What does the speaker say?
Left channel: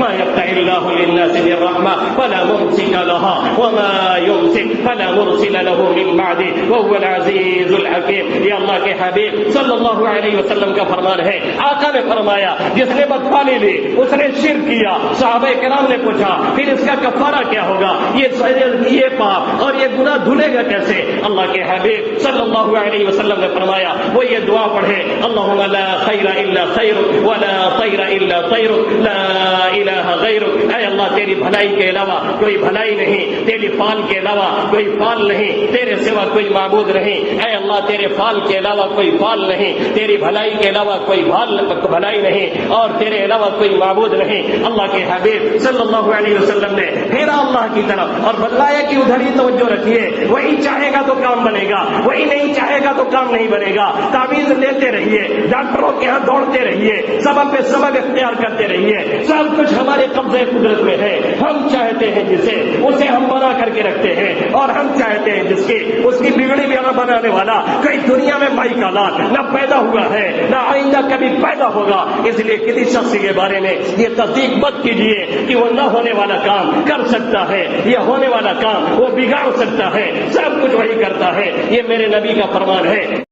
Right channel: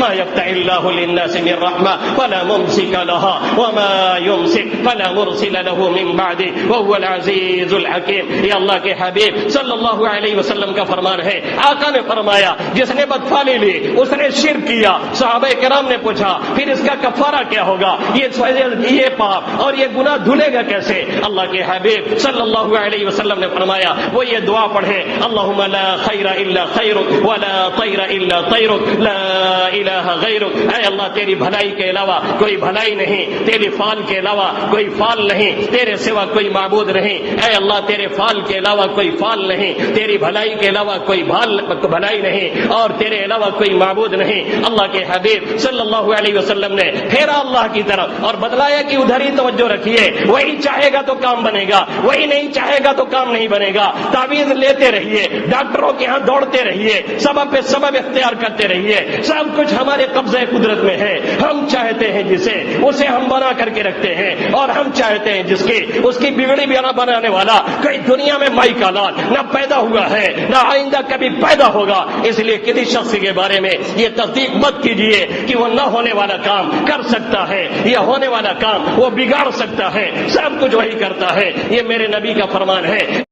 ما يفتح الله للناس من رحمة فلا ممسك لها وما يمسك فلا مرسل له من بعده وهو العزيز الحكيم. یہ اللہ کے حبیب صلی اللہ علیہ وسلم کا فرمان ہے. آقا نے فرمایا جس نے بدفعلی لی اس نے شرک کیا. صحابہ کرام نے پوچھا پھر اس کا کفارہ کیا ہوگا؟ یہ پاپ اور یہ گناہ دھلے گا کیسے؟ اللہ کے حبیب صلی اللہ علیہ وسلم نے فرمایا وہ یہ دعا پڑھے اللہم لا خیر الا خیرک ولا طیر الا طیرک لا الہ غیرک. اے اللہ تیری بھلائی کے علاوہ کوئی بھلائی نہیں، تیری فعل کے علاوہ کوئی فعل نہیں، تیرے سوا کوئی معبود نہیں. اے اللہ تیرے فعل کے علاوہ کوئی فعل نہیں، تیری بھلائی کے علاوہ کوئی بھلائی نہیں، اور تیرے علاوہ کوئی معبود نہیں. اللہ کے حبیب صلی اللہ علیہ وسلم نے پھیرا اللہ کی طرف اور بتلایا کہ ادھر ہی توجہ رکھیے. وہی چاہے گا تو کام بنے گا، وہی نہیں چاہے گا تو کام نہیں بنے گا. تعویذ لیتے رہیے، ڈاکٹروں کے ہاں دوڑتے رہیے، سبب پہ سبب اختیار کرتے رہیے. سب کچھ ہمارے قبضے قدرت میں ہے. ہم چاہتے ہیں جسے اسے ہم بنا کر کے رکھتے ہیں، اور ہم چاہتے ہیں جس کی اس کی بگڑی بھی بنانے والا کوئی دنیا میں مائی کا لال نہ پیدا ہوا ہے نہ آئندہ کبھی پیدا ہوگا. اس لیے کسی شخص کے بارے میں یہ تصدیق مت کیجیے کہ وہ نہ ہونے والا کام کر سکتا ہے یا ہونے والا کام وہ بگاڑ سکتا ہے. سب کچھ وہی کرتا ہے. یہ میرے نبی کا فرمان ہے.